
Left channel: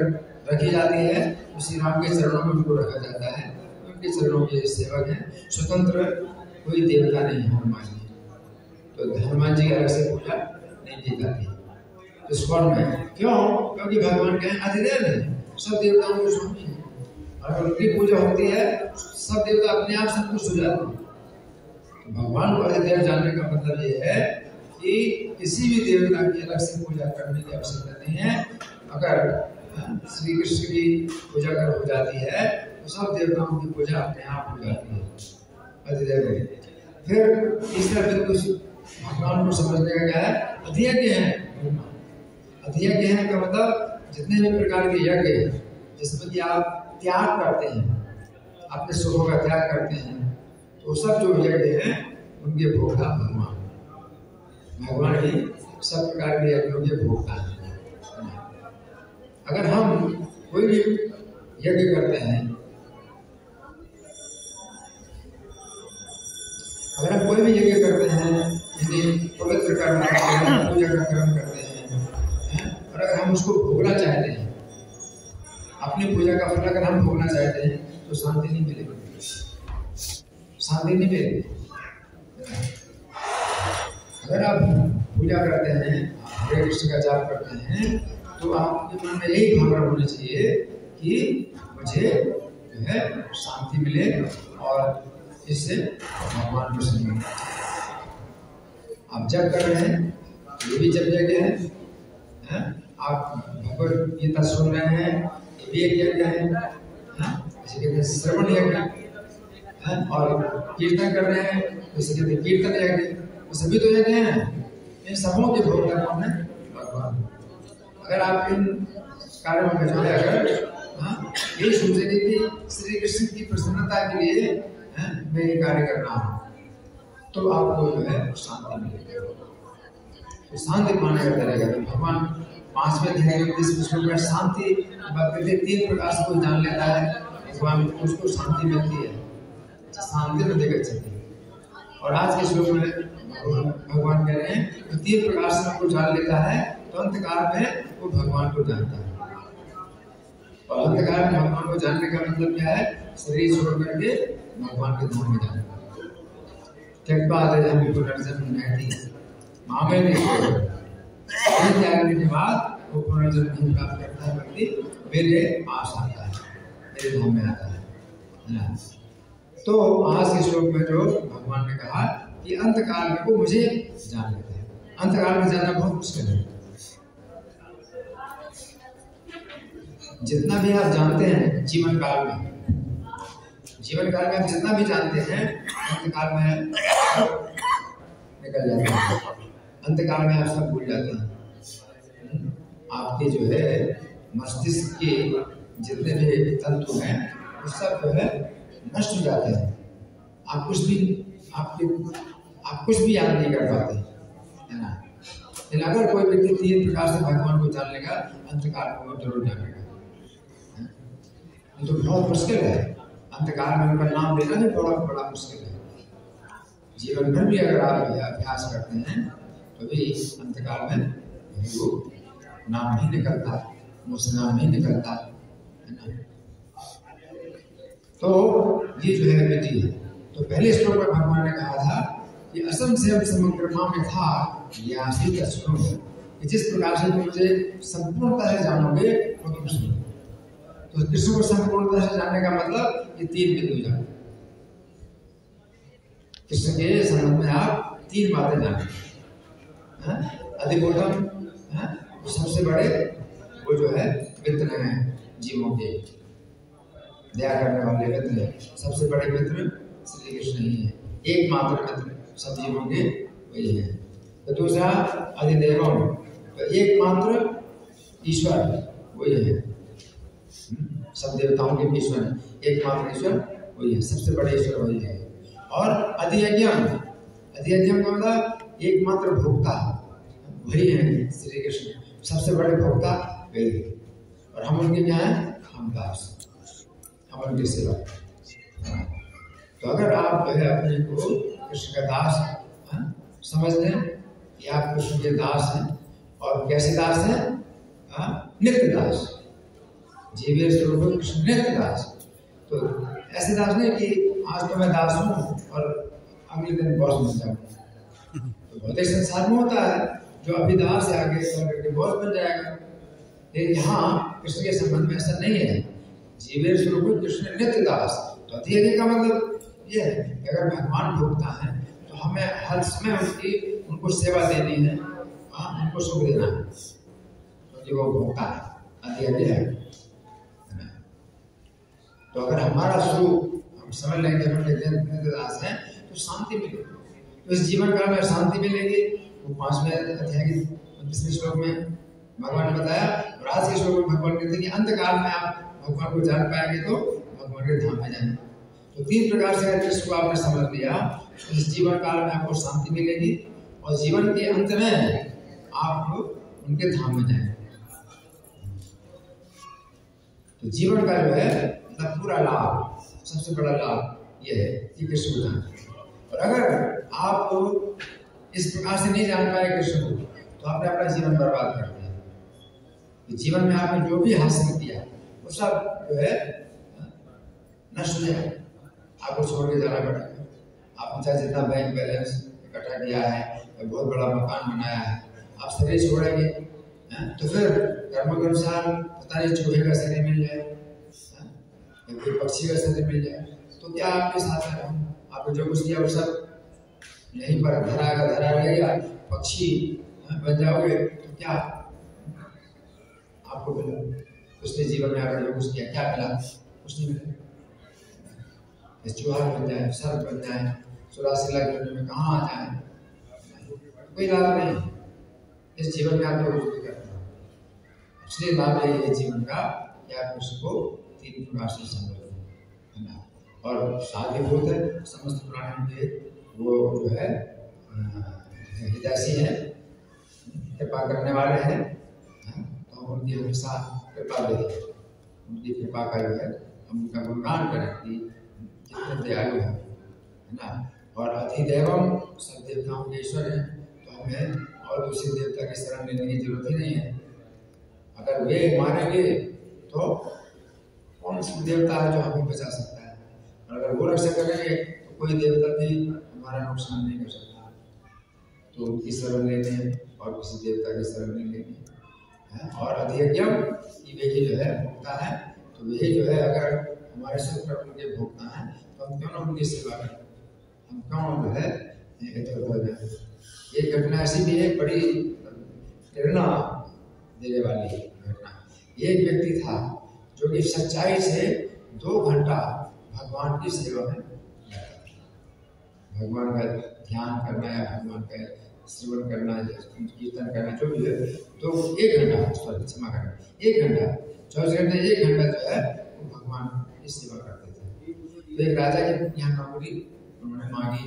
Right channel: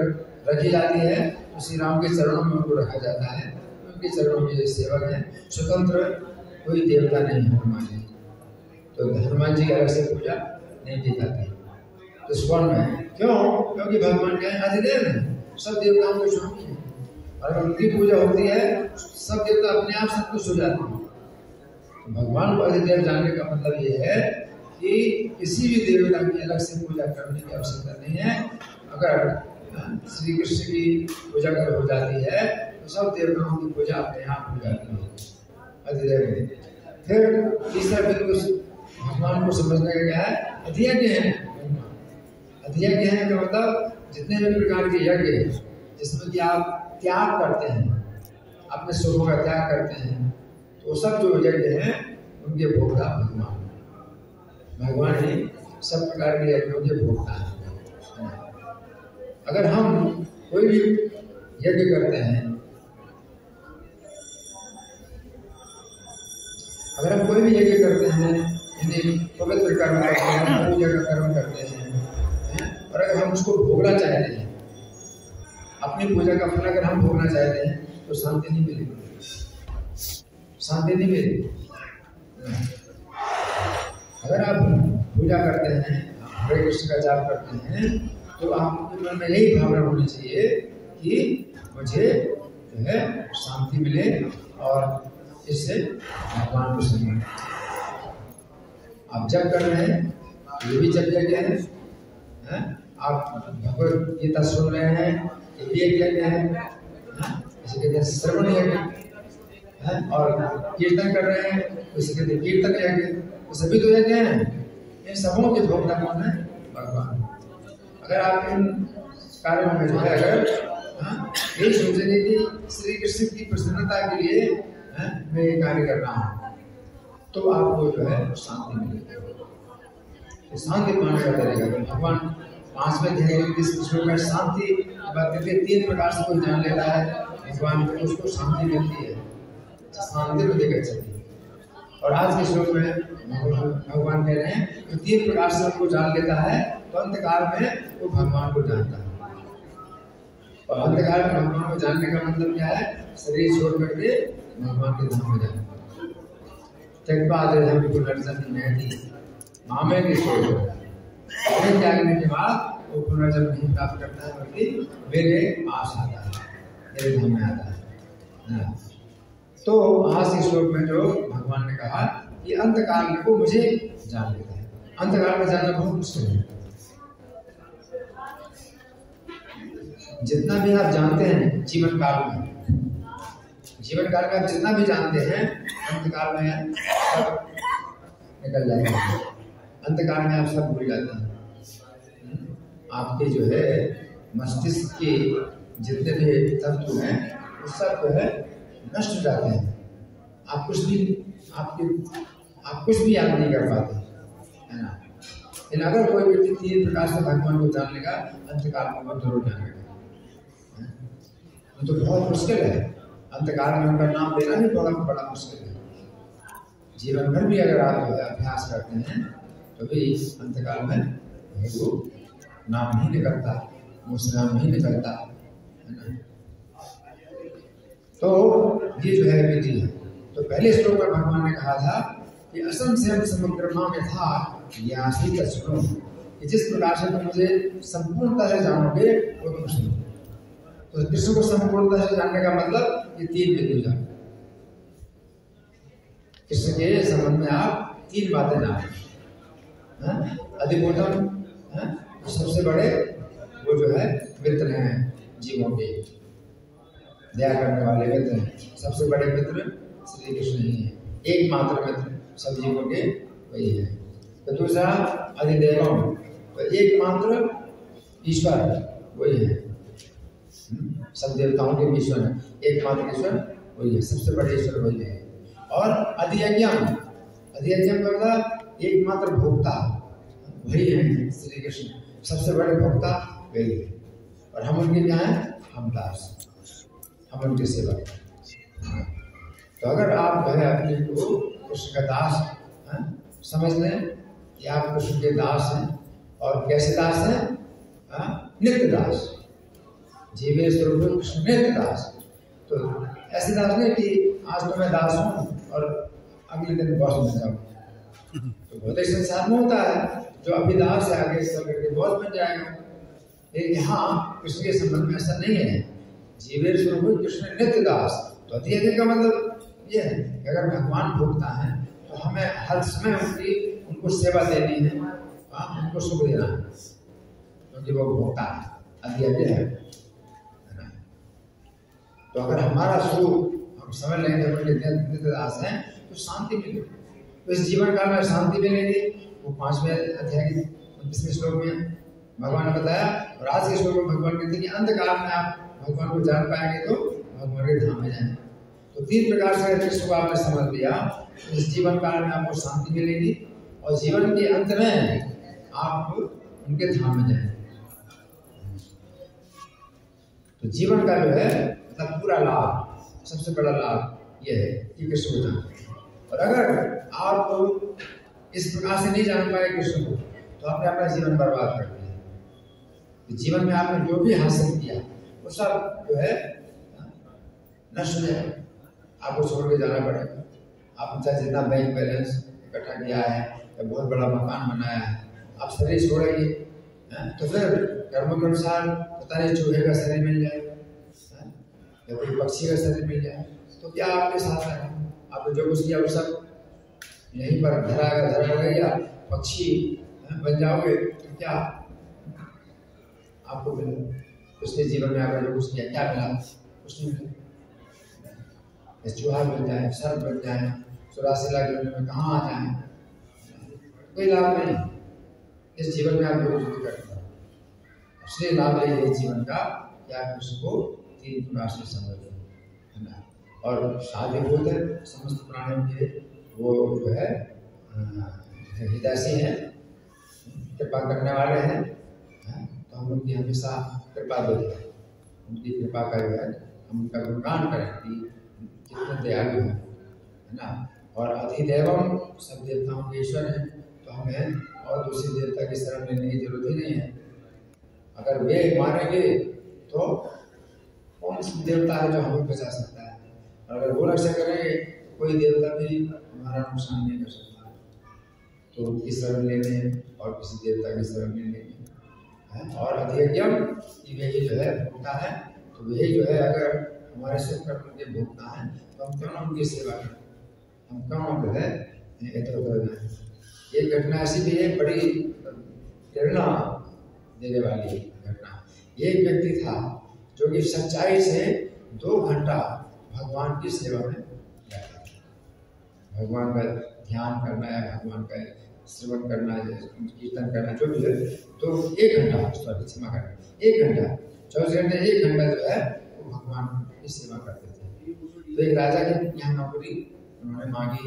रखी जाती है तो श्री राम के चरणों में उनको रखा जाता है, उनके चरणों के सेवक हैं। स्वतंत्र कोई देवता नहीं है हनुमान जी, तो हनुमान जी की अलग से पूजा नहीं की जाती। तो स्वर्ण है क्यों? क्योंकि भगवान क्या है? अधिदैव है, सब देवताओं के स्वामी है। और अगर उनकी पूजा होती है सब देवता अपने आप संतुष्ट हो जाते हैं। तो भगवान को अधिदैव जानने का मतलब ये है कि किसी भी देवता की अलग से पूजा करने की आवश्यकता नहीं है। अगर श्री कृष्ण की पूजा कर हो जाती है तो सब देवताओं की पूजा अपने आप हो जाती है, अधिदैव। फिर तीसरा बिंदु भगवान को समझने का क्या है? अधियज्ञ है। अधियज्ञ है का मतलब जितने भी प्रकार के यज्ञ जिसमें कि आप त्याग करते हैं, अपने सुखों का त्याग करते हैं, तो सब जो यज्ञ हैं उनके भोक्ता भगवान। भगवान ही सब प्रकार के यज्ञों के भोक्ता है। अगर हम कोई भी यज्ञ करते हैं, अगर हम कोई भी यज्ञ करते हैं, यानी पवित्र कर्म करते हैं, पूजा का कर्म करते हैं, और अगर हम उसको भोगना चाहते हैं, अपनी पूजा का फल अगर हम भोगना चाहते हैं तो शांति नहीं मिलेगी, शांति नहीं मिलेगी। अगर आप पूजा करते हैं, हरे कृष्ण का जाप करते हैं, तो आपके मन में यही भावना होनी चाहिए कि मुझे जो है शांति मिले और इससे भगवान को सुनिए। आप जब कर रहे हैं, ये भी जब यज्ञ है, आप भगवद गीता सुन रहे हैं, ये भी एक यज्ञ है, इसे कहते हैं श्रवण यज्ञ, और कीर्तन कर रहे हैं उसे कहते हैं कीर्तन यज्ञ। तो सभी तो यज्ञ हैं, इन सबों के भोक्ता कौन है? भगवान। अगर आप इन कार्यों में जो है अगर यही सोचेंगे कि श्री कृष्ण की प्रसन्नता के लिए मैं ये कार्य कर रहा हूँ, तो आपको जो है शांति मिलेगी। तो शांति पाने का तरीका तो भगवान 5वें अध्याय के 20 श्लोक में शांति बात करते 3 प्रकार से कोई जान लेता है भगवान को, उसको शांति मिलती है, शांति तो देखा चाहिए। और आज के श्लोक में भगवान कह रहे हैं तो 3 प्रकार से उनको जान लेता है, तो अंतकाल में वो भगवान को जानता है। और अंतकाल में भगवान को जानने का मतलब क्या है? शरीर छोड़ करके भगवान के धाम में जाना। पुनर्जन्म नहीं मामे त्यागने के बाद वो पुनर्जन्म नहीं प्राप्त करता है, बल्कि मेरे पास आता है, मेरे धाम में आता है। तो आज के श्लोक में जो भगवान ने कहा कि अंतकाल में को मुझे जान लेते हैं। अंतकाल में जानना बहुत मुश्किल है। जितना भी आप जानते हैं जीवन काल में आप जितना भी जानते हैं, अंतकाल में निकल जाते हैं। अंतकाल में आप सब भूल जाते हैं। आपके जो है मस्तिष्क के जितने भी तंतु हैं वो सब जो है नष्ट हो जाते हैं। आप कुछ भी याद नहीं कर पाते, है ना। लेकिन अगर कोई व्यक्ति 3 प्रकार से भगवान को जान लेगा, अंतकाल को जरूर जानेगा। तो बहुत मुश्किल है। अंतकाल में उनका नाम लेना भी बड़ा मुश्किल है। जीवन भर भी अगर आप अभ्यास करते हैं तो भी अंतकाल में वो नाम नहीं निकलता, मुझसे नाम नहीं निकलता, है ना। तो ये जो है विधि है। तो पहले श्लोक में भगवान ने कहा था कि असंशयम समग्रमा में था यासी तस्नो, कि जिस प्रकार से तुम मुझे संपूर्णता से जानोगे वो तुम सुनो। तो कृष्ण को संपूर्णता से जानने का मतलब ये 3 बिंदु जानो। कृष्ण के संबंध में आप 3 बातें जाने। अधिबोधन, सबसे बड़े वो जो है मित्र हैं जीवों के, दया करने वाले मित्र हैं। सबसे बड़े मित्र श्री कृष्ण ही है। एकमात्र मित्र सब जीवों के वही है। तो दूसरा अधिदेवम, तो एकमात्र ईश्वर वही है। सब देवताओं के ईश्वर है, एकमात्र ईश्वर वही है, सबसे बड़े ईश्वर वही है। और अधियज्ञम का मतलब एकमात्र भोक्ता वही है श्री कृष्ण, सबसे बड़े भोक्ता वही है। और हम उनके क्या है? हम दास, हम उनकी सेवा। तो अगर आप जो है अपने को कृष्ण का दास समझ लें कि आप कृष्ण के दास हैं, और कैसे दास हैं? नित्य दास, जीवे स्वरूप कृष्ण नित्य दास। तो ऐसे दास नहीं कि आज तो मैं दास हूँ और अगले दिन बॉस बन जाऊँ। तो भौतिक संसार में होता है जो अभी दास है आगे चल बॉस बन जाएगा। लेकिन यहाँ कृष्ण के संबंध में ऐसा नहीं है। जीवे स्वरूप कृष्ण नित्य दास। तो अध्ययन का मतलब ये है कि अगर भगवान भोगता है तो हमें हर समय उनको सेवा देनी है, उनको सुख देना है, क्योंकि वो भोगता है, अध्ययन है। तो अगर हमारा सुख हम समझ लेंगे नित्य दास हैं तो शांति मिलेगी। तो इस जीवन काल में शांति मिलेगी। वो 5वें अध्याय के 25वें श्लोक में भगवान ने बताया। और आज के श्लोक में भगवान कहते हैं कि अंत काल में आप भगवान को जान पाएंगे तो भगवान के धाम में जाएंगे। तो 3 प्रकार से कृष्ण को आपने समझ लिया। तो इस जीवन काल में आपको शांति मिलेगी और जीवन के अंत में आप उनके धाम में जाएंगे। तो जीवन का जो है पूरा लाभ, सबसे बड़ा लाभ यह है कि कृष्ण को जानना। और अगर आप इस प्रकार से नहीं जान पाए कृष्ण को तो आपने अपना जीवन बर्बाद कर दिया। जीवन में आपने जो भी हासिल किया वो सब जो है नष्ट है, आपको छोड़ के जाना पड़ेगा। आपने चाहे जितना बैंक बैलेंस इकट्ठा किया है, बहुत बड़ा मकान बनाया है, आप शरीर छोड़ेंगे तो फिर कर्म के अनुसार पता नहीं चूहे का शरीर मिल जाए, कोई पक्षी का शरीर मिल जाए, तो क्या आपके साथ है? आपने जो कुछ किया वो सब यहीं पर धरा रहेगा। पक्षी बन जाओगे तो क्या आपको मिला? उसने जीवन में आपने जो कुछ किया क्या मिला? कुछ नहीं मिला। चूहा बन जाए, सर्प बन जाए, 84 लाख जन्म में कहाँ आ जाए, कोई लाभ नहीं। इस जीवन में आप लोग कुछ करते हो, इसलिए लाभ है जीवन का कि आप उसको 3 प्रकार से समझ लो, है ना। और साधिभूत है समस्त प्राणियों के, वो जो है हितैषी हैं, कृपा करने वाले हैं, तो हम उनकी हमेशा कृपा लेते हैं। उनकी कृपा का जो है हम उनका गुणगान करें कि कितने दयालु है ना। और अधिदेवम, सब देवताओं के ईश्वर हैं, तो हमें और दूसरे देवता की शरण लेने की जरूरत ही नहीं है। अगर वे मारेंगे तो कौन सा देवता है जो हमें बचा सकता है? और अगर वो रक्षा करेंगे तो कोई देवता भी हमारा नुकसान नहीं कर सकता। तो उनकी शरण लेने और किसी देवता की शरण नहीं लेनी। और अधियज्ञम कि वही जो है भोगता है, तो वही जो है अगर हमारे सिर पर उनके भोगता है तो तो हम क्यों ना उनकी सेवा करें, हम क्यों जो है इधर उधर जाए। एक घटना ऐसी भी है बड़ी प्रेरणा देने वाली घटना। एक व्यक्ति था जो कि सच्चाई से 2 घंटा भगवान की सेवा में रहता था। भगवान का ध्यान करना या भगवान का श्रवण करना, कीर्तन करना, जो भी है, तो 1 घंटा, क्षमा करना, 1 घंटा, 24 घंटे 1 घंटा जो है वो भगवान की सेवा करते थे। तो एक राजा के यहाँ नौकरी उन्होंने मांगी,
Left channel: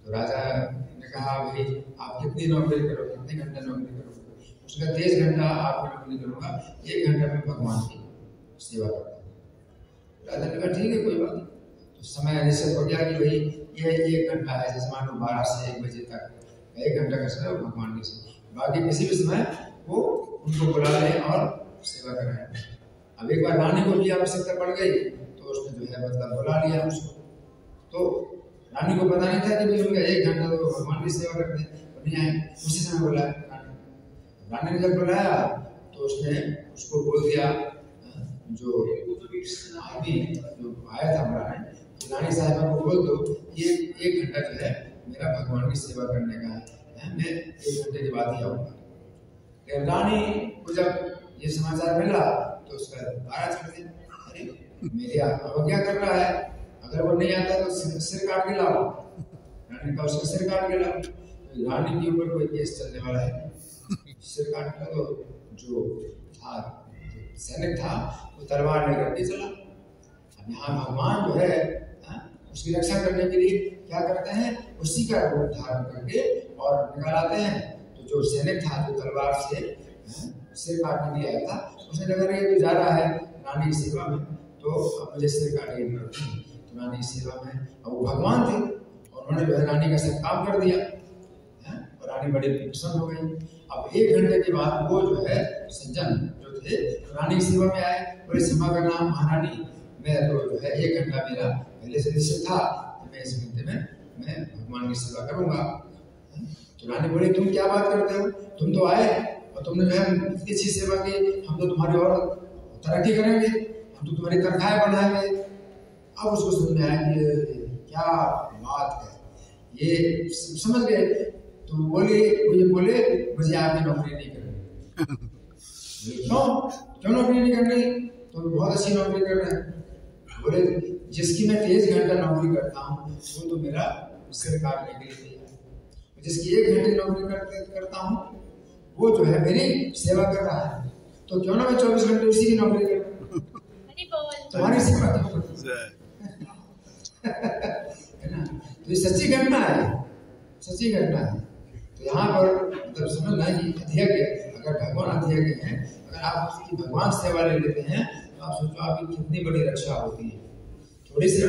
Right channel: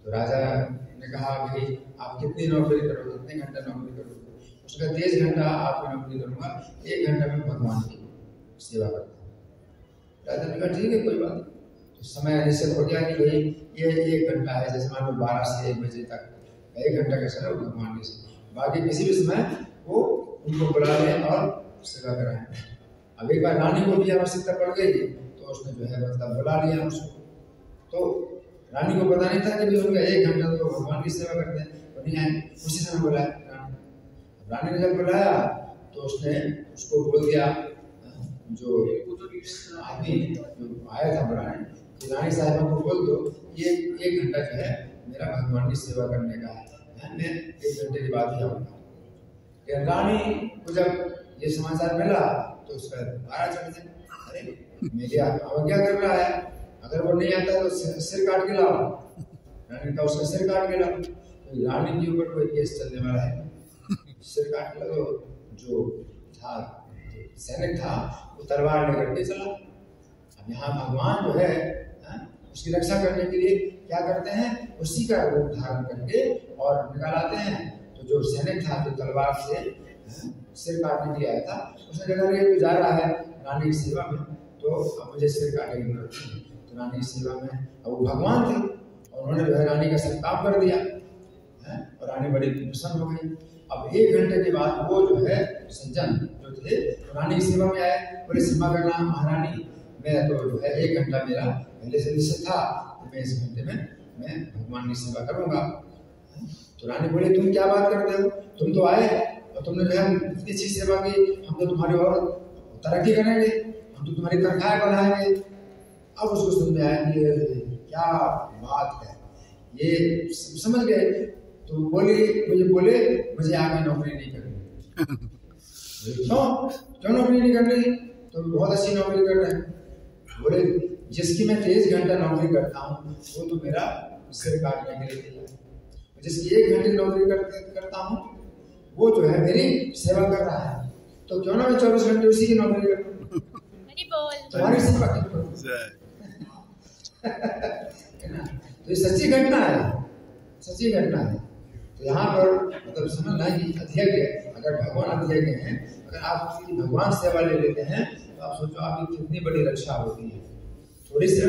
तो राजा ने कहा भाई आप कितनी नौकरी करोगे, कितने घंटा नौकरी करोगे? उसका 23 घंटा आपकी नौकरी करूँगा, 1 घंटा में भगवान की सेवा करता हूँ। राजा ने कहा ठीक है कोई बात नहीं। तो समय निश्चित हो गया कि भाई ये 1 घंटा है, जैसे मान लो 12 से 1 बजे तक 1 घंटा का समय भगवान की सेवा, बाकी किसी भी समय वो उनको बुला लें और सेवा कराएं। अब एक बार रानी को भी आवश्यकता पड़ गई तो उसने जो है मतलब बुला लिया उसको। तो रानी को पता नहीं था कि भाई उनका 1 घंटा तो भगवान की सेवा करते हैं, तो नहीं आए। उसी समय बुलाया रानी ने, जब बुलाया तो उसने उसको बोल दिया, जो आदमी जो आया था बुलाने, तो रानी साहिबा को बोल दो ये 1 घंटा जो है मेरा भगवान की सेवा करने का है, मैं 1 घंटे के बाद ही आऊँगा। रानी को जब ये समाचार मिला तो उसका पारा चढ़ गया, अरे मेरी अवज्ञा कर रहा है, अगर वो नहीं आता तो सिर काट के लाओ। रानी का उसका सिर काट के लाओ। तो रानी के ऊपर कोई केस चलने वाला है, सिर काट के तो जो था सैनिक था वो तलवार लेकर के चला। अब यहाँ भगवान जो है उसकी रक्षा करने के लिए क्या करते हैं, उसी का रूप धारण करके और निकाल आते हैं। तो जो सैनिक था जो तलवार से सिर काटने के लिए आया था, उसने कहा कि तू जा रहा है रानी की सेवा में, तो अब मुझे सिर काटेगा। तो रानी की सेवा में, और वो भगवान थे और उन्होंने जो है रानी का सब काम कर दिया और रानी बड़ी प्रसन्न हो गई। अब 1 घंटे के बाद वो जो है सज्जन जो थे तो रानी की सेवा में आए, बोले सेवा करना महारानी, मैं तो जो है 1 घंटा मेरा पहले से निश्चित था, मैं इस घंटे में मैं भगवान की सेवा करूंगा। तो रानी बोले तुम क्या बात करते हो, तुम तो आए और तुमने जो है इतनी अच्छी सेवा की, हम तो तुम्हारी और तरक्की करेंगे, हम तो तुम्हारी तनख्वाह बढ़ाएंगे। अब उसको समझ में आया कि क्या बात है, ये समझ गए। तो मुझे आपकी नौकरी नहीं करनी। क्यों नौकरी नहीं करनी? तो बहुत अच्छी नौकरी कर रहे हैं। बोले जिसकी मैं 23 घंटा नौकरी करता हूँ वो तो मेरा सिर काटने के लिए तैयार है, जिसकी 1 घंटे नौकरी करता हूँ वो जो है मेरी सेवा कर रहा है, तो क्यों ना मैं 24 घंटे उसी की नौकरी करूँ, तुम्हारी सेवा करूँ। है ना? तो ये सच्ची घटना है, सच्ची घटना है। तो यहाँ पर मतलब समझना ही अध्यक्ष, अगर भगवान अध्यक्ष हैं, अगर आप भगवान सेवा ले लेते हैं तो आप सोचो आपकी कितनी बड़ी रक्षा होती है। थोड़ी सी